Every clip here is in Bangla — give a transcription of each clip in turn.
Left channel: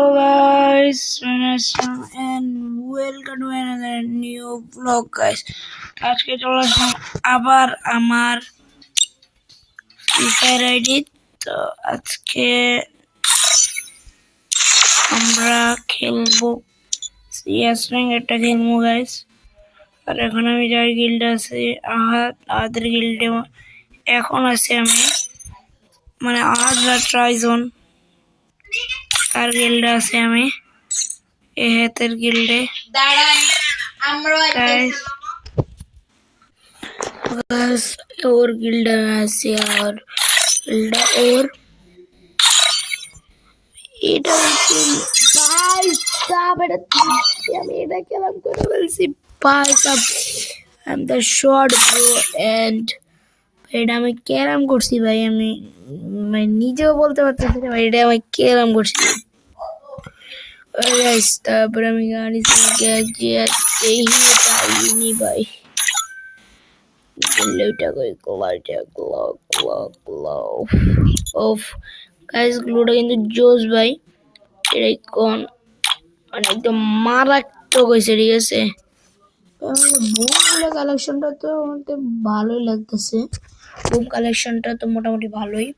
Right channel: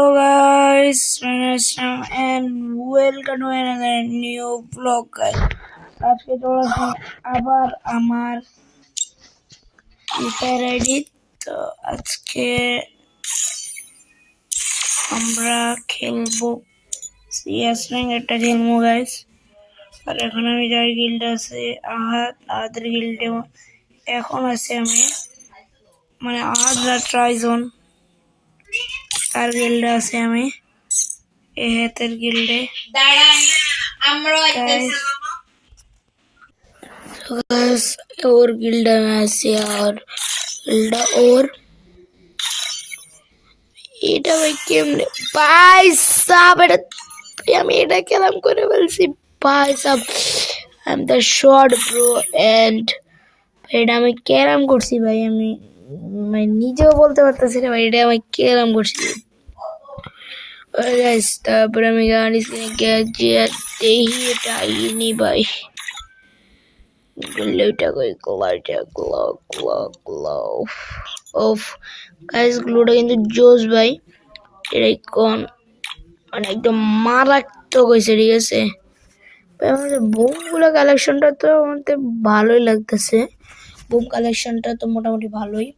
Hello guys, my name is Sam and welcome to another new vlog guys. আজকে চলে আসলাম আবার আমার ফ্রি ফায়ার আইডি। তো আজকে আমরা খেলবো সিএস র্যাঙ্ক একটা খেলবো গাইস। আর এখন আমি যার গিল্ডে আছি আহাদের গিল্ডে এখন আছি আমি, মানে আহাদ না ট্রাইজন তার গিল্ডে আছি আমি, এহেতের গিল্ডে। और गिल्डा আছে আর गिल्डा और এটা কেমনে ভাই সাব, এটা আমি এটা কেলাম করে বলছি ভাই সাব। I am the short bro and এটা আমি কেরাম করছি ভাই, আমি মানে নিজেও বলতে পারতেছি না ভাই, এটা আমি কেরাম করছি গাইস। তারপরে আমি গাড়ি এই নেই ভাই, গ্লুটা কিন্তু জোস ভাই, এটাই কোন মানে একদম মারাত্মক হয়েছে। ঠিক আছে, বুমগুলো কালেকশনটা তো আমাদের ভালোই লাগতেছে, বুম কালেকশনটা তো মোটামুটি ভালোই।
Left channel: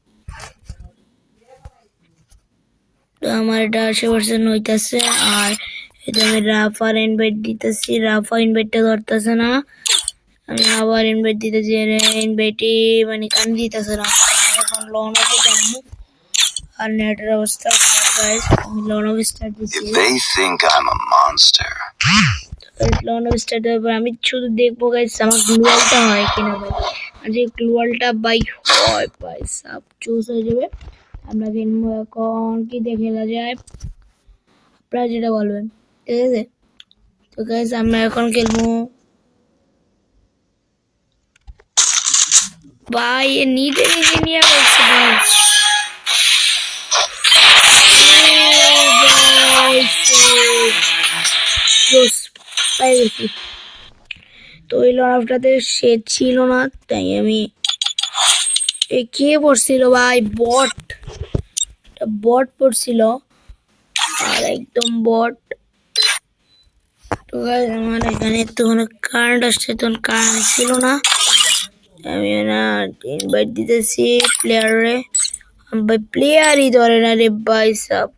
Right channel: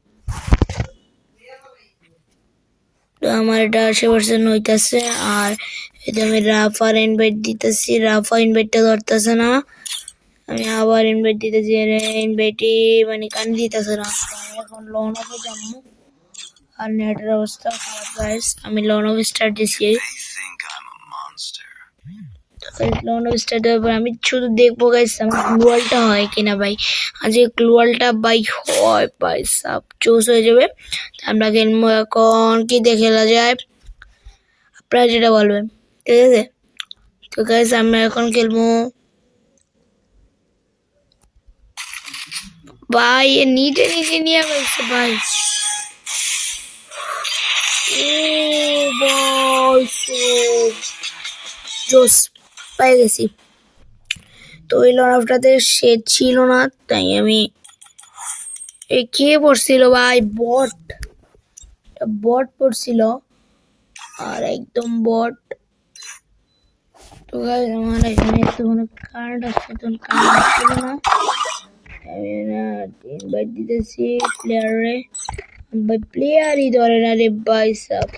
তো আমার এটা 80% হইতেছে। আর এটা আমি রাফার ইনভাইট দিতেছি, রাফা ইনভাইটটা ধরতেছে না, আমি আবার ইনভাইট দিতেছি, ইনভাইটই মানে কান দিতেছে না। এখন লোন অফে যাবো আর নেটের অবস্থা গাইস, আমি লোন অফ স্টার্ট দিছি, লোন অফ স্টার্ট দেওয়ার পর আমি শুধু দেখবো গাইস আমার গ্লুয়ালটা হয় কিনা ভাই। আজ গ্লুয়ালটা ভাই হয় ভাই সব চুজ হয়ে যাবে। আমরা খেলবো এখন কি দিয়ে খেলা যায় আপনারা যেটা বলবেন, ঠিক আছে। তো গাইস আমরা এখন খেলবো ভাই, নিজে নিজে নিয়ে বলছি ভাই, পাই গেছি। তো ওই লড়াটাতে সে ছিল না, তাই আমি এই কে পড়ছিল ভাই, বট পড়ছিল আর একদম বট। তো আমার এখানে তো কোনো কার্ড আসছে, তখন কার্ড ছিল না, আমি না ইনভাইট দিতেছি প্লেয়ারে, ভাই প্লেয়ারই ধরে না রে ভাই সাব।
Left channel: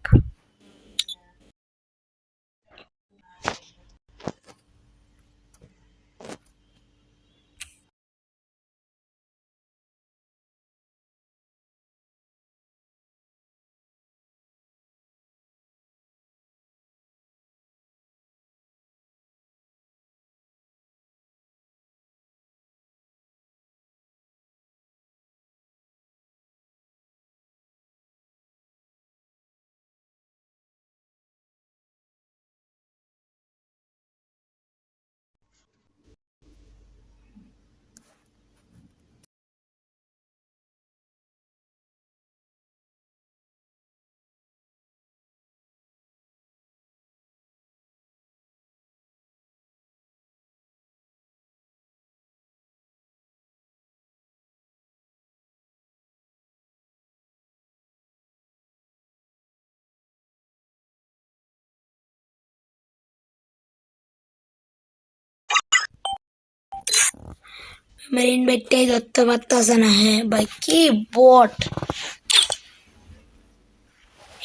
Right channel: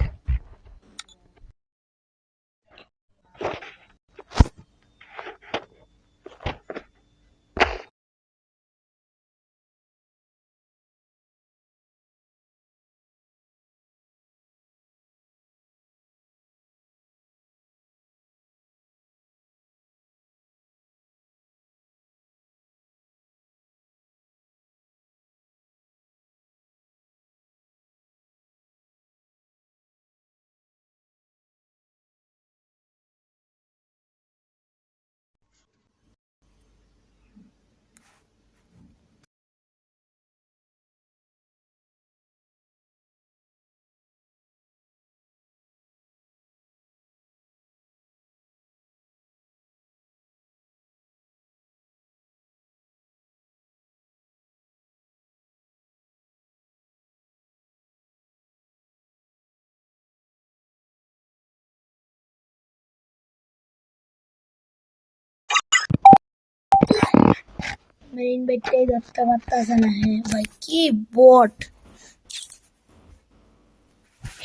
আমার ইনভাইটটাই ধরতে পারতেছে না। হ্যাঁ ভাই কি বট,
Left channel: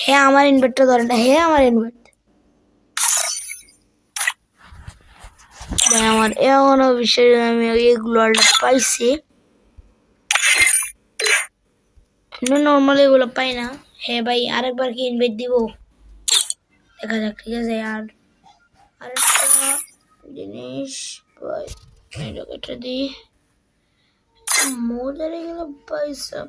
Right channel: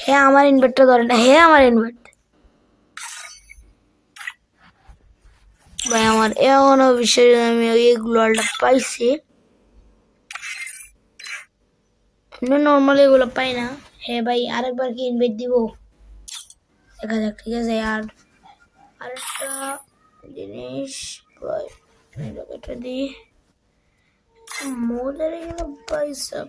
হ্যাঁ আমার ইনভাইটটা ধরে না, হ্যাঁ আমার ইনভাইট ভাই, আমার এমন অবশ্যই আমি এইগুলো পাইছি, নর্মালি এগুলো পাই না। হ্যাঁ ভাই আরেকবার কি ইনভাইট দিব দেখা যাক, ঠিক আছে। আর আরেকটা জিনিস ভাই, এটা দিই মজার গেল পয়সা।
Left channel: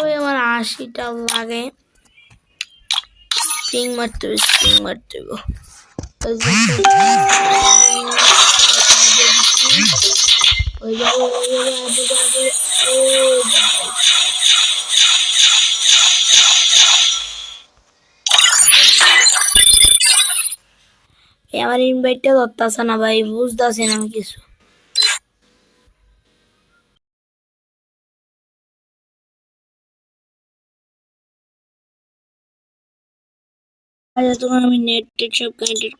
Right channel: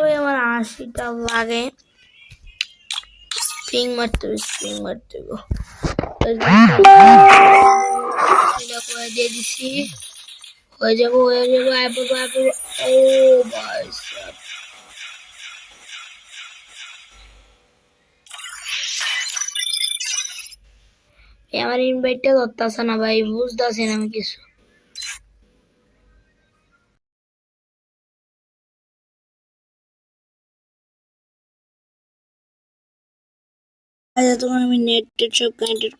ওই আমার 80টা লাগে, স্প্রিং মারতে আমার ইনভাইটটা ধরতেছে না ভাই, বুঝতেছি না আমি কিছু। তখন আমি নেট টেট সব কানেক্টেড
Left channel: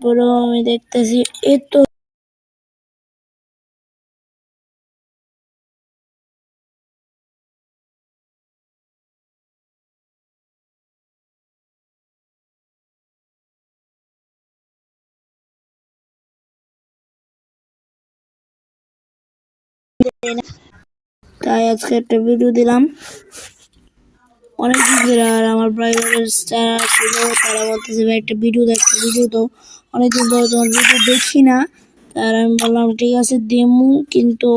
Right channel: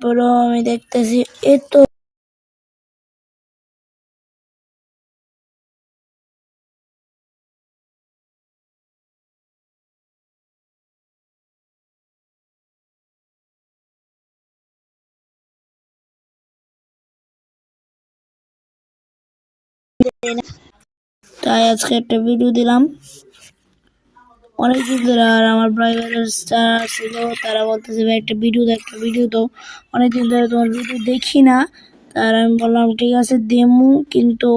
পরেও আমি দেখতেছি এই তো তাই আজকে একটা ভিডিও দিলাম অনেকদিন ধরে। আর আমার ব্রাদার যারা ছিল তারা বলতেছে ভাই একটা ভিডিও দেখ, ভিডিও তো অনেকদিন ধরে তোমার ভিডিও দেখি না। তার আমি বললাম ঠিক আছে দেমু, কিন্তু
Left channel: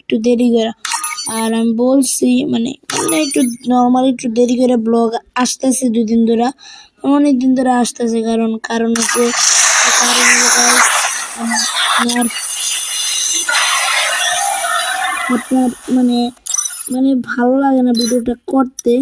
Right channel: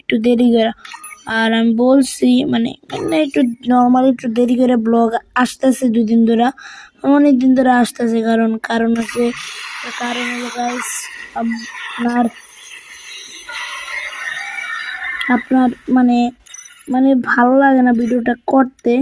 একটু দেরি করে। আর আমি বলছি মানে একটু নর্মালি একটু দেরি করে ব্লগ আসতেছে 2 দিন ধরে, অনেকদিন ধরে আসতেছে। কারণ হচ্ছে আপনার আপনার মানে মানে ভালো লাগে না ভিডিওটা করতে।